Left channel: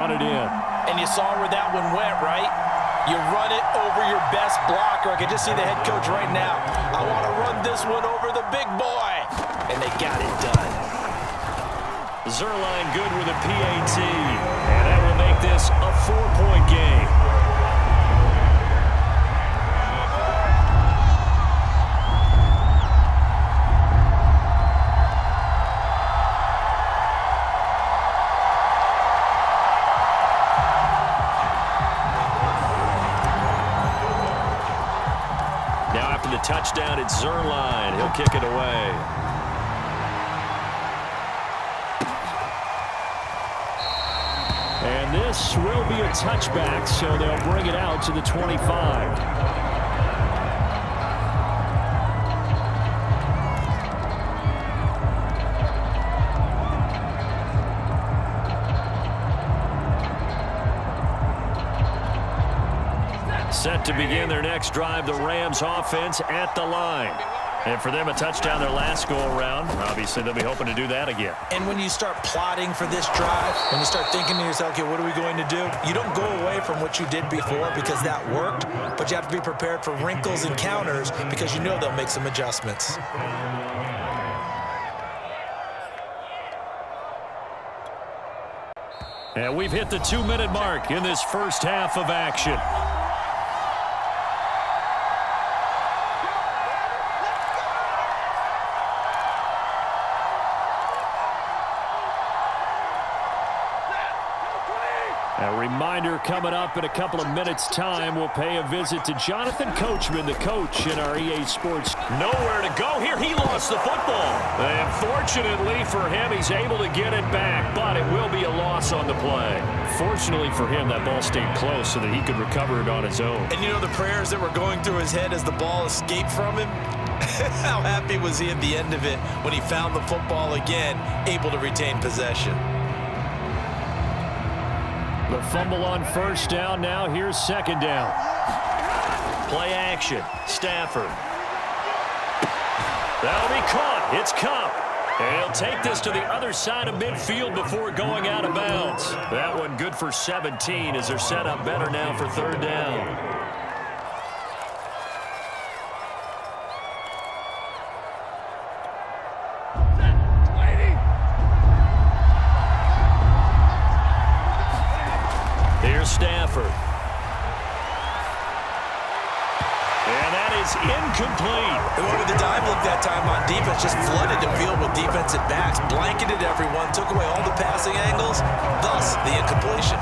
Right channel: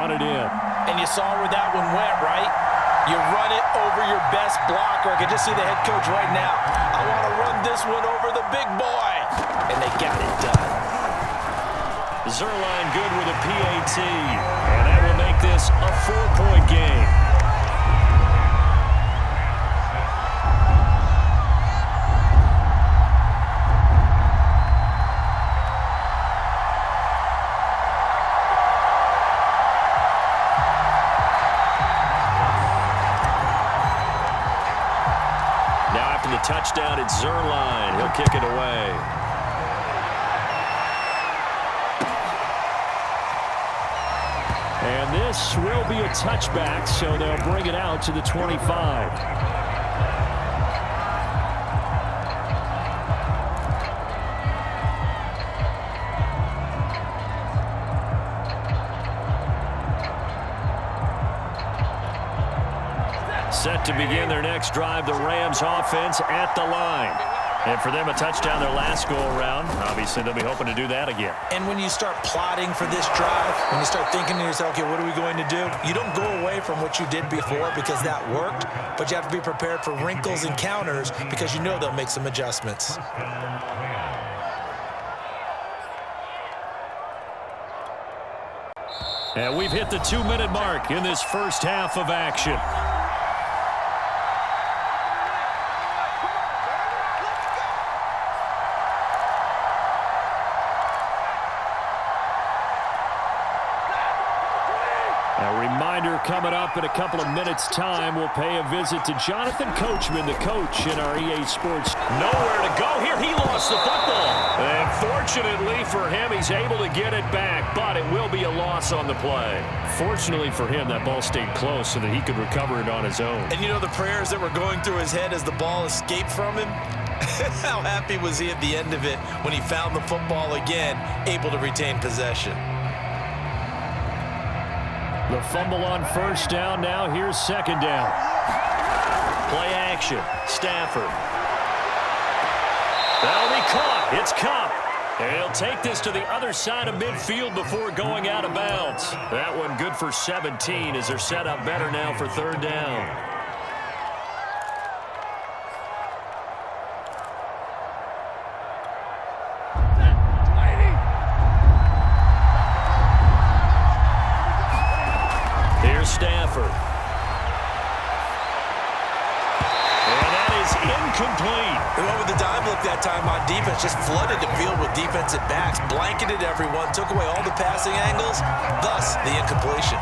On it in. And you saw where that one went, right? You run it over your best blocker. I can just see the head coach right now. I want to run this one over the big boy. And they got it done. Zuerlein good with a PAT. And that will make this a 4-point game. The touchdown, it's Zuerlein. He'll kick it away. And this will be a touchback, so they'll bring it out to the 25. Set to begin their next drive, the Rams offense at the line. And for them, a touchdown their last go-around. Obviously, they'll be hoping to do that again. And when you start plotting for this drive, when you start thinking to yourself, okay, what are we going to do? You don't go away from what you did before because that worked, but you have to be prepared for wrinkles and counters because you know they'll make some adjustments. And we've hit the 2-minute mark in this first half of action. A reminder coming up in a couple of minutes' time. We'll pay a visit to Jonathan Coachman, the coach in our EA Sports. Nowhere to go here. He lost the football. And fortunately for him, he's able to get it back, but it will be a loss on the play. Fortunately for him, that ball stayed close so that he could recover it on his own. And you know the prayers that were going through his head as the ball escaped from him? How happy was he at the end of it when he found the football again, able to retain possession? The fumble on first down. Now here's second down. Play action. Stafford. That'll be caught. It's Cup. And he'll take this to the other side of midfield before going out of bounds. That one good for 17 as they're set up better now for third down. Here's Stafford. And that is incomplete. And what with the dive look that time on defense, just flooded the field with defensive backs, blanketed everyone, took away all the passing angles, thus the incompletion.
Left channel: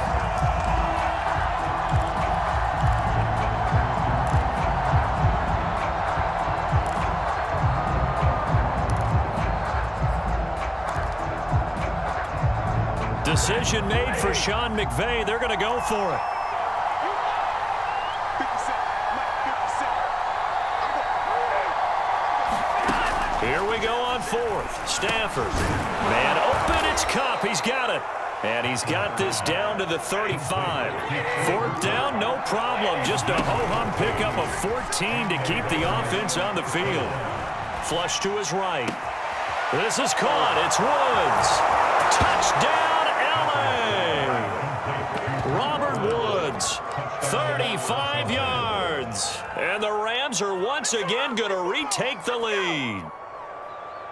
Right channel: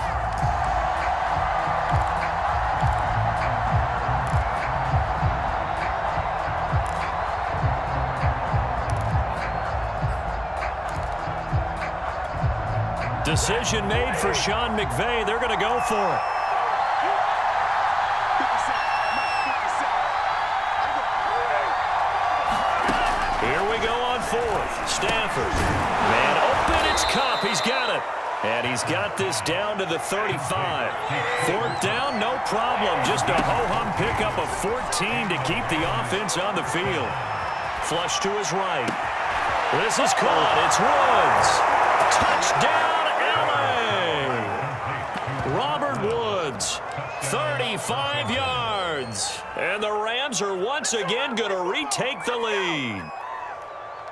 Decision made for Sean McVay. They're going to go for it. Here we go on fourth. Stafford. Man open. It's Cup. He's got it. And he's got this down to the 35. Fourth down, no problem. Just a ho-hum pickup of 14 to keep the offense on the field. Flush to his right. This is caught. It's Woods. Touchdown. Robert Woods, 35 yards. And the Rams are once again going to retake the lead.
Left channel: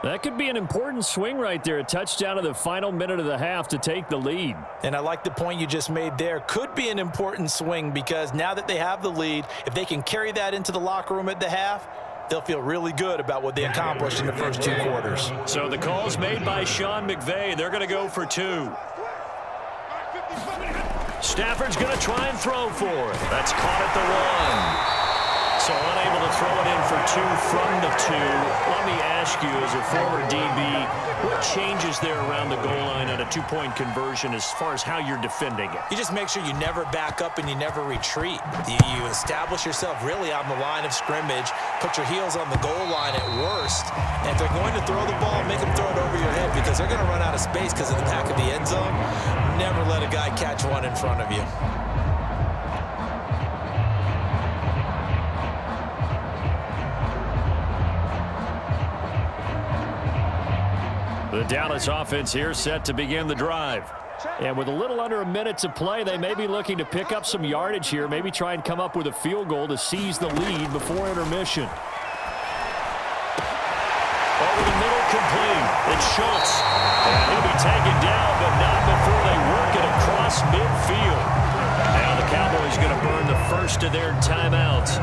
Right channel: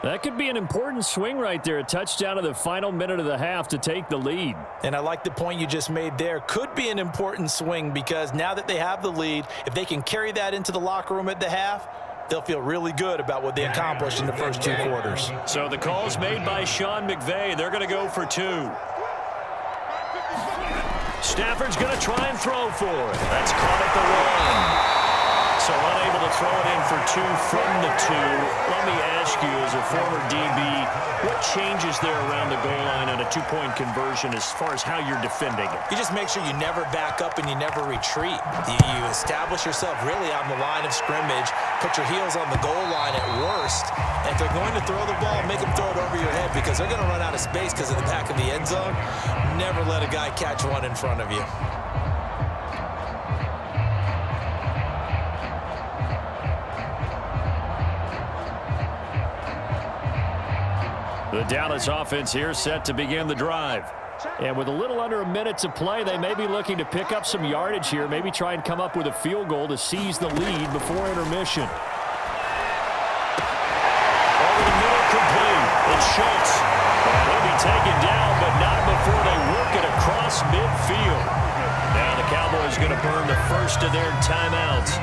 That could be an important swing right there. A touchdown in the final minute of the half to take the lead. And I like the point you just made there. Could be an important swing because now that they have the lead, if they can carry that into the locker room at the half, they'll feel really good about what they accomplished in the first two quarters. So the call's made by Sean McVay. They're going to go for two. Stafford's going to try and throw for it. That's caught at the 1. So unable to throw it in for two from the 2. Let me ask you, as a former DB, what changes there around the goal line on a two-point conversion as far as how you're defending it? You just make sure you never back up and you never retreat. You establish yourself really on the line of scrimmage, put your heels on the goal line at worst, and if they're going to throw the ball, make them throw it over your head because they're going to run out of space because of the back of the end zone. Never let a guy catch one in front of you. The Dallas offense here set to begin the drive. And with a little under a minute to play, they may be looking to pick up some yardage here, maybe try and come up with a field goal to seize the lead before intermission. Over the middle, complete. It's Schultz. And he'll be taken down, but not before they work it across midfield. Now the Cowboys going to burn the first of their timeouts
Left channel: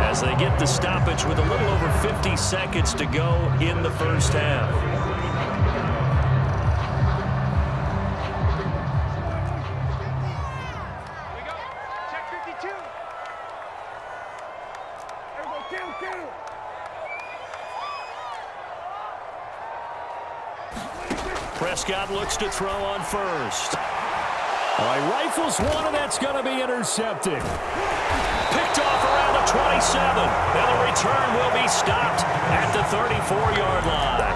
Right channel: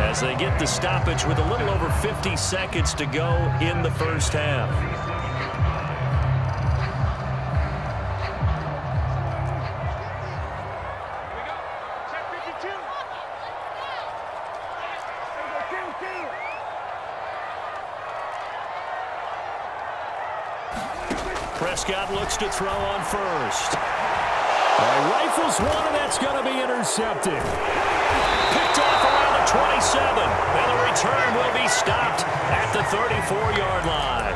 as they get the stoppage with a little over 50 seconds to go in the first half. Prescott looks to throw on first. All right, rifles one, and that's going to be intercepted. Picked off around the 27, and the return will be stopped at the 34-yard line.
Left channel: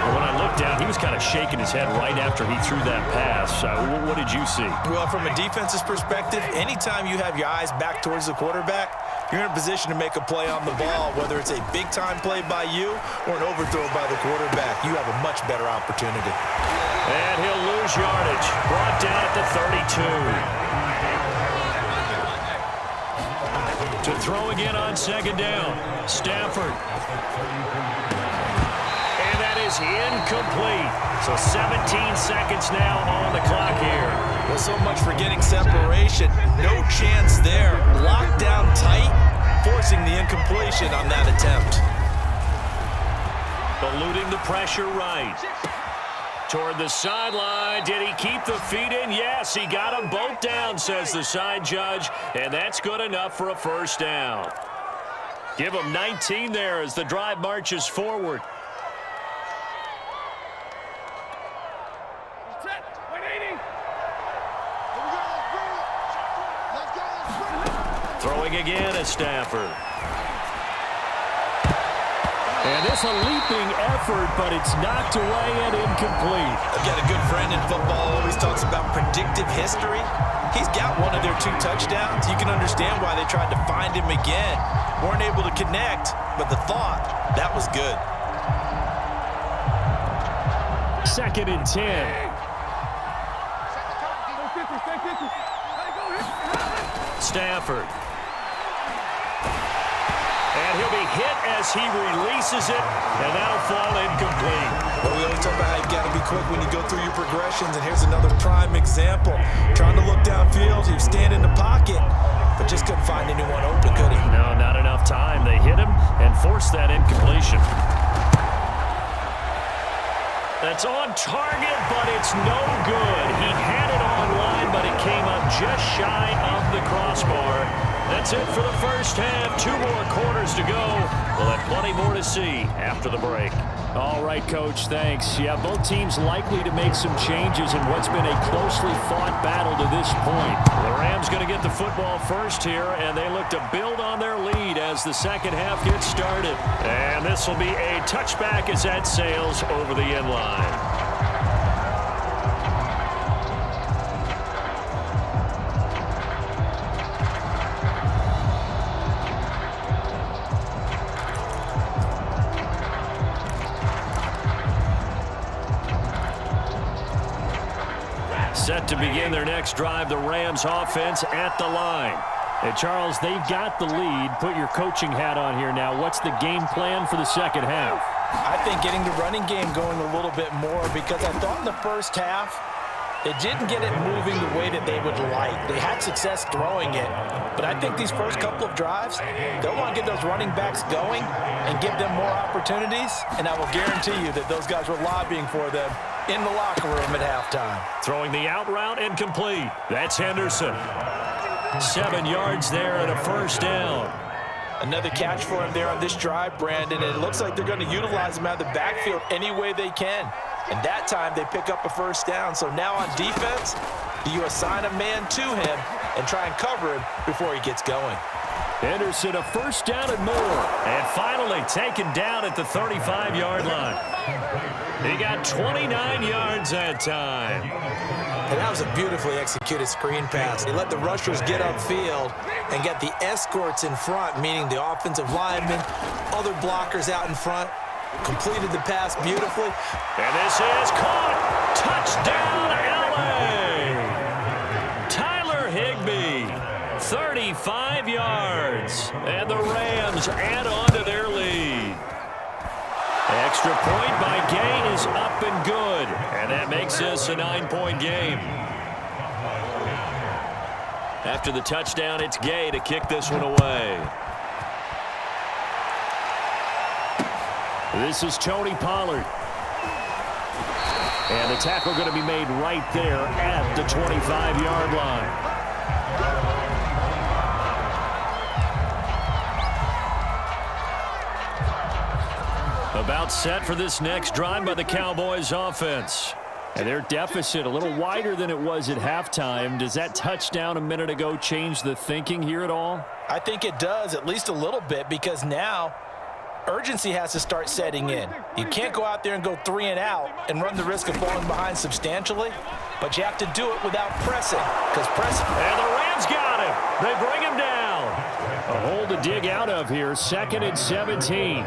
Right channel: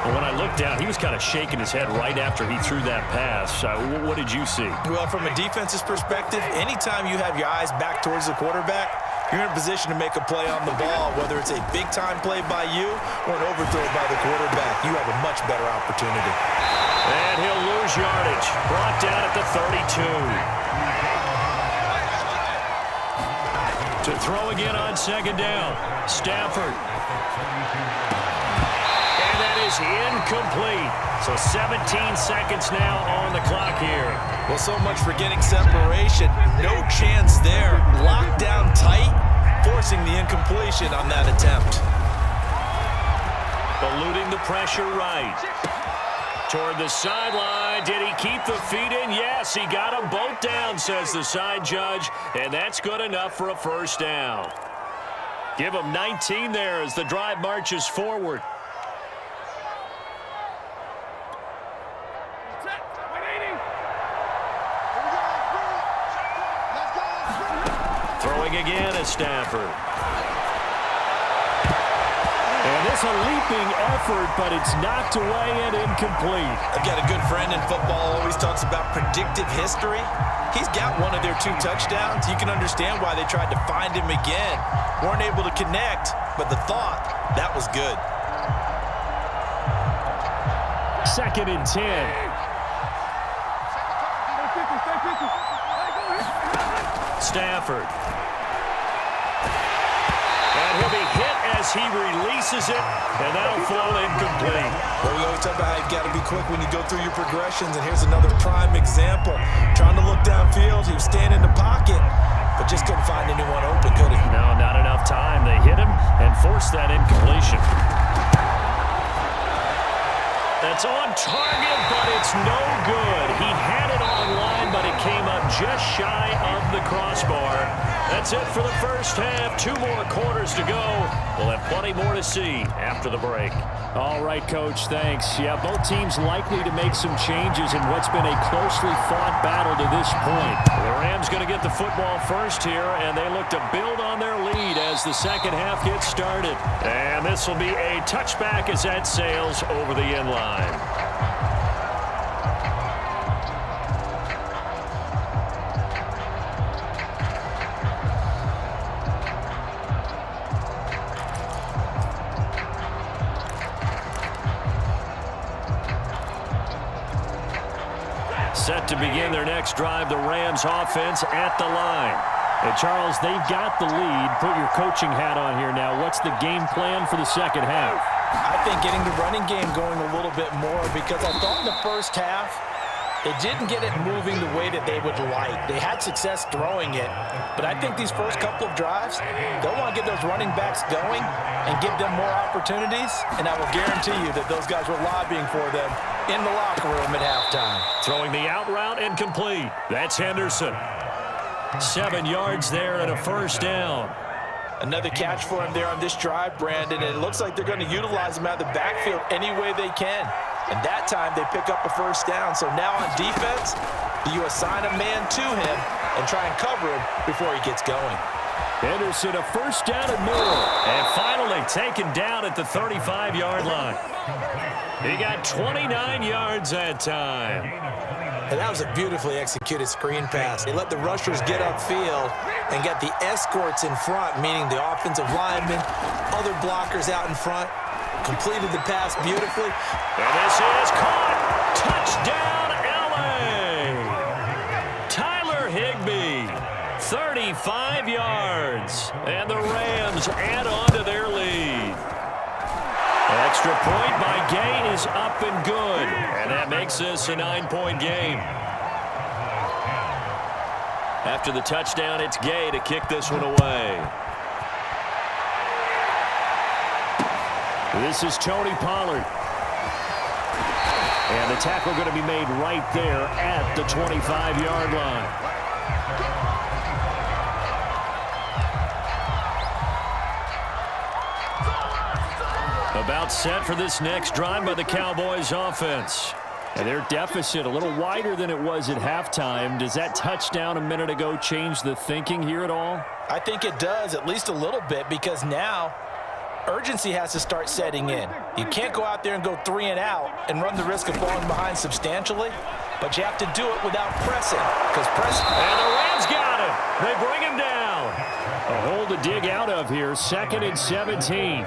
And when I looked down, he was kind of shaking his head right after he threw that pass. What did you see? Well, from a defense's perspective, anytime you have your eyes back towards the quarterback, you're in a position to make a play on the ball, whether it's a big-time play by you or an overthrow by the quarterback. You have a much better opportunity. And he'll lose yardage. Brought down at the 32. To throw again on second down. Stafford. And that is incomplete. So 17 seconds now on the clock here. Well, so much for getting separation. No chance there. Locked down tight, forcing the incompletion on that attempt. Eluding the pressure right. Toward the sideline. Did he keep the feet in? Yes, he got them both down, says the side judge. And that's good enough for a first down. Give him 19 there as the drive marches forward. Throwing again is Stafford. And this a leaping effort, but it's knocked away and incomplete. I've got a good friend in football, always talks about predictive history. He's got one of their 2 touchdowns. You can understand why they tried to find him again. Weren't able to connect, but the thought, that was good. 2nd and 10. Stafford. And he'll be hit as he releases it, and that'll fall incomplete. Well, we always talk about how you've got to be quick when you go through your progressions, and here's another prime example. Trying to look downfield, he was standing in the pocket, but just couldn't find anyone open, could he? No, not enough time. They hit him and forced that incompletion. That's on target, but it's no good. He had it on line, but it came up just shy of the crossbar. That's it for the first half. 2 more quarters to go. We'll have plenty more to see after the break. All right, Coach, thanks. Yeah, both teams likely to make some changes in what's been a closely fought battle to this point. The Rams going to get the football first here, and they look to build on their lead as the second half gets started. And this will be a touchback as that sails over the end line. Set to begin their next drive, the Rams offense at the line. And Charles, they've got the lead. Put your coaching hat on here now. What's the game plan for the second half? I think getting the running game going a little bit more, because I thought in the first half they didn't get it moving the way that they would like. They had success throwing it, but I think these first couple of drives, they'll want to get those running backs going and give them more opportunities, and I will guarantee you that those guys were lobbying for them in the locker room at halftime. Throwing the out route and complete. That's Henderson. 7 yards there and a first down. Another catch for him there on this drive, Brandon, and it looks like they're going to utilize him out of the backfield any way they can. And that time they pick up a first down. So now on defense, do you assign a man to him and try and cover him before he gets going? Henderson, a first down and more. And finally taken down at the 35-yard line. He got 29 yards that time. And that was a beautifully executed screen pass. They let the rushers get upfield and get the escorts in front, meaning the offensive linemen, other blockers out in front, completed the pass beautifully. And this is caught. Touchdown, L.A. Tyler Higbee, 35 yards. And the Rams add on to their lead. Extra point by Gay is up and good. And that makes this a 9-point game. After the touchdown, it's Gay to kick this one away. This is Tony Pollard. And the tackle going to be made right there at the 25-yard line. About set for this next drive by the Cowboys offense. And their deficit a little wider than it was at halftime. Does that touchdown a minute ago change the thinking here at all? I think it does, at least a little bit, because now urgency has to start setting in. You can't go out there and go 3 and out and run the risk of falling behind substantially, but you have to do it without pressing. And the Rams got him. They bring him down. A hole to dig out of here. 2nd and 17.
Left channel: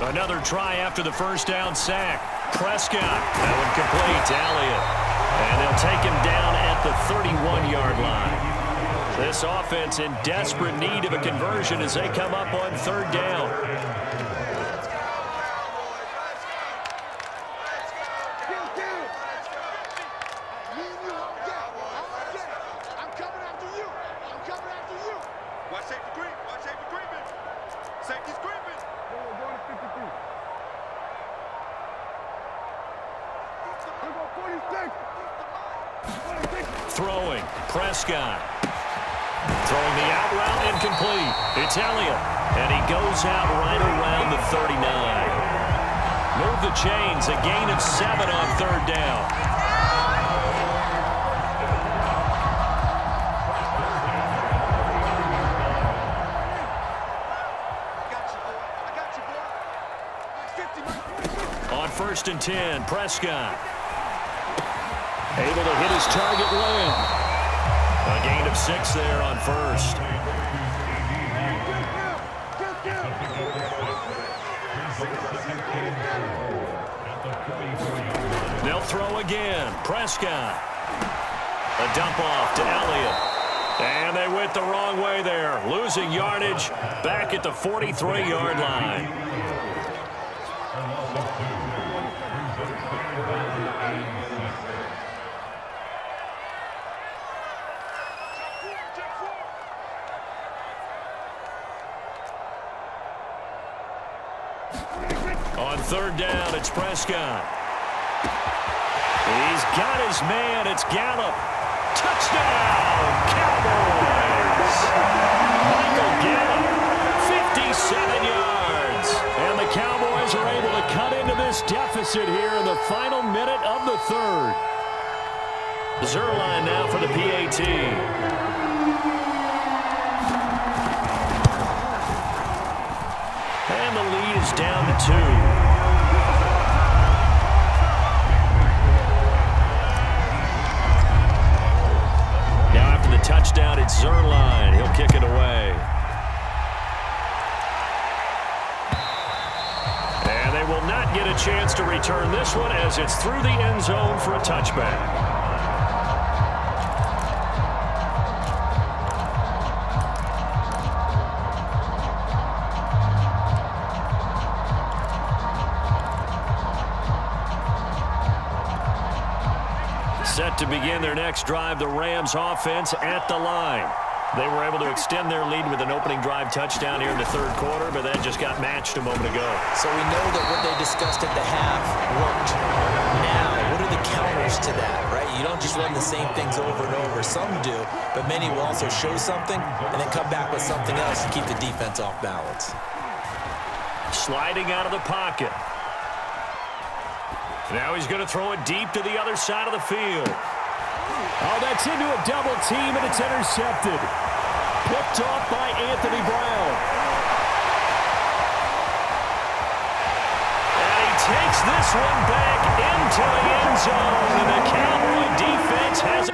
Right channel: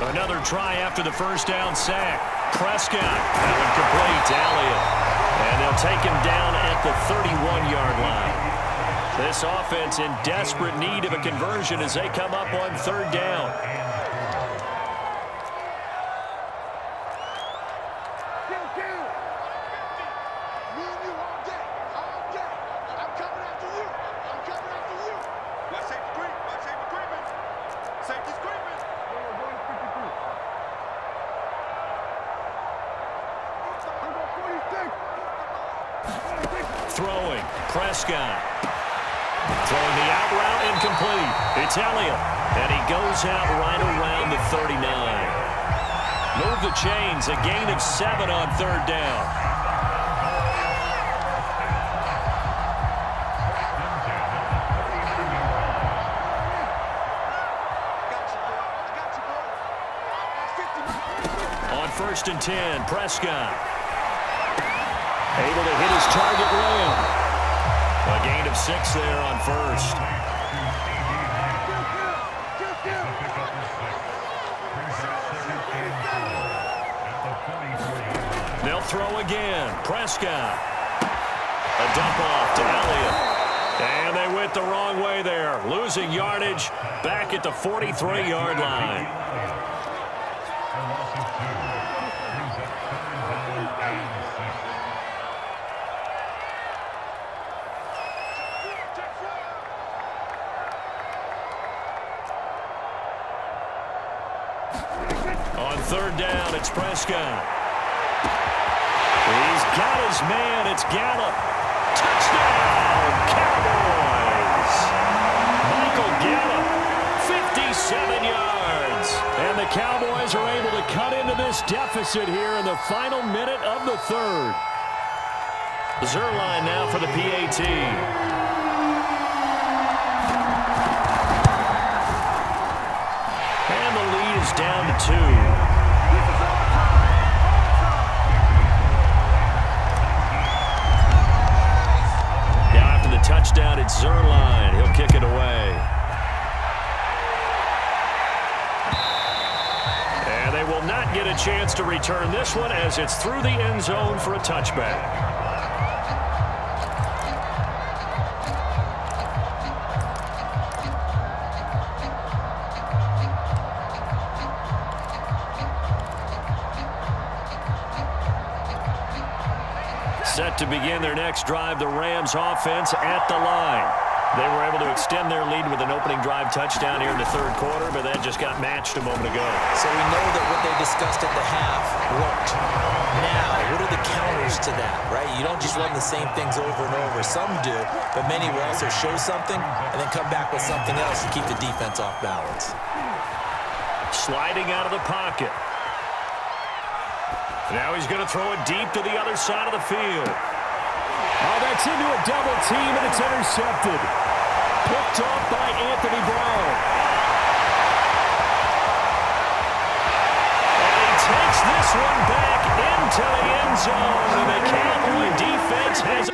Another try after the first down sack. Prescott. That one complete to Elliott. And they'll take him down at the 31-yard line. This offense in desperate need of a conversion as they come up on 3rd down. Throwing, Prescott. Throwing the out route incomplete. It's Elliott. And he goes out right around the 39. Move the chains. A gain of 7 on 3rd down. On 1st and 10, Prescott. Able to hit his target, Lamb. A gain of 6 there on 1st. They'll throw again. Prescott. A dump off to Elliott. And they went the wrong way there. Losing yardage back at the 43-yard line. On 3rd down, it's Prescott. He's got his man. It's Gallup. Touchdown, Cowboys. Michael Gallup, 57 yards. And the Cowboys are able to cut into this deficit here in the final minute of the 3rd. Zerline now for the PAT. And the lead is down to 2. Now after the touchdown, it's Zerline. He'll kick it away. And they will not get a chance to return this one as it's through the end zone for a touchback. Set to begin their next drive, the Rams offense at the line. They were able to extend their lead with an opening drive touchdown here in the 3rd quarter, but that just got matched a moment ago. So we know that what they discussed at the half worked. Now, what are the counters to that, right? You don't just run the same things over and over. Some do, but many will also show something and then come back with something else to keep the defense off balance. Sliding out of the pocket. Now he's going to throw it deep to the other side of the field. Oh, that's into a double team, and it's intercepted. Picked off by Anthony Brown. And he takes this one back into the end zone, and the Cowboy defense has